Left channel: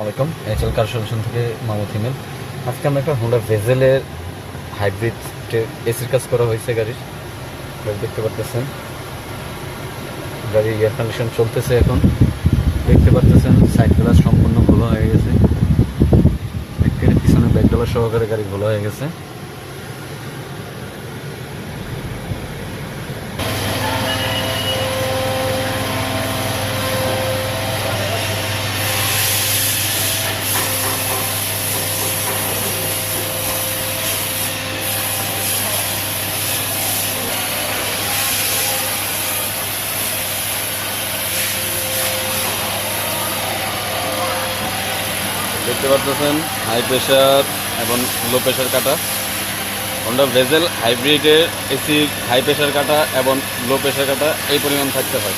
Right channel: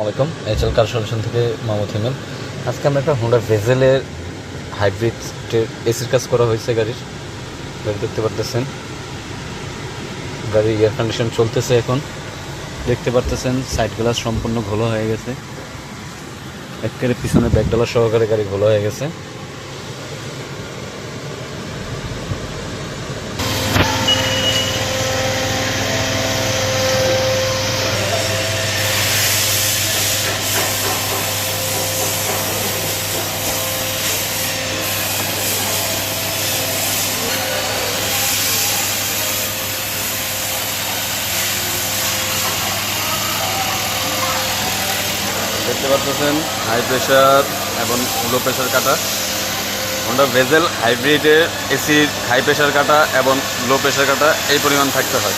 আসসালামাইকুম, এইচএল কার সলিউশন থেকে মাহমুদ হিমেল। আজকে আমরা একটা হোন্ডা ভেজেলের হাইব্রিড এসির কাজ করা হয়েছে গাড়ি দেখতে পারতেছেন। গাড়ির এয়ার কন্ডিশন চলতেছে এখন। দেখতে পারতেছেন সাইড গ্লাস সম্পূর্ণ ঘোলা হয়ে গেছে, একেবারে পিছনে ব্যাকডালা সহকারে গাড়ি ঘোলা হয়ে গেছে। দেখতে পারতেছেন হাই প্রেশার এবং লো প্রেশার কাটা। হোন্ডা ভেজেল হাইব্রিডের এসির হাই প্রেশার কাটা এবং লো প্রেশার কাটা এই পরিমাণ থাকতে হয়।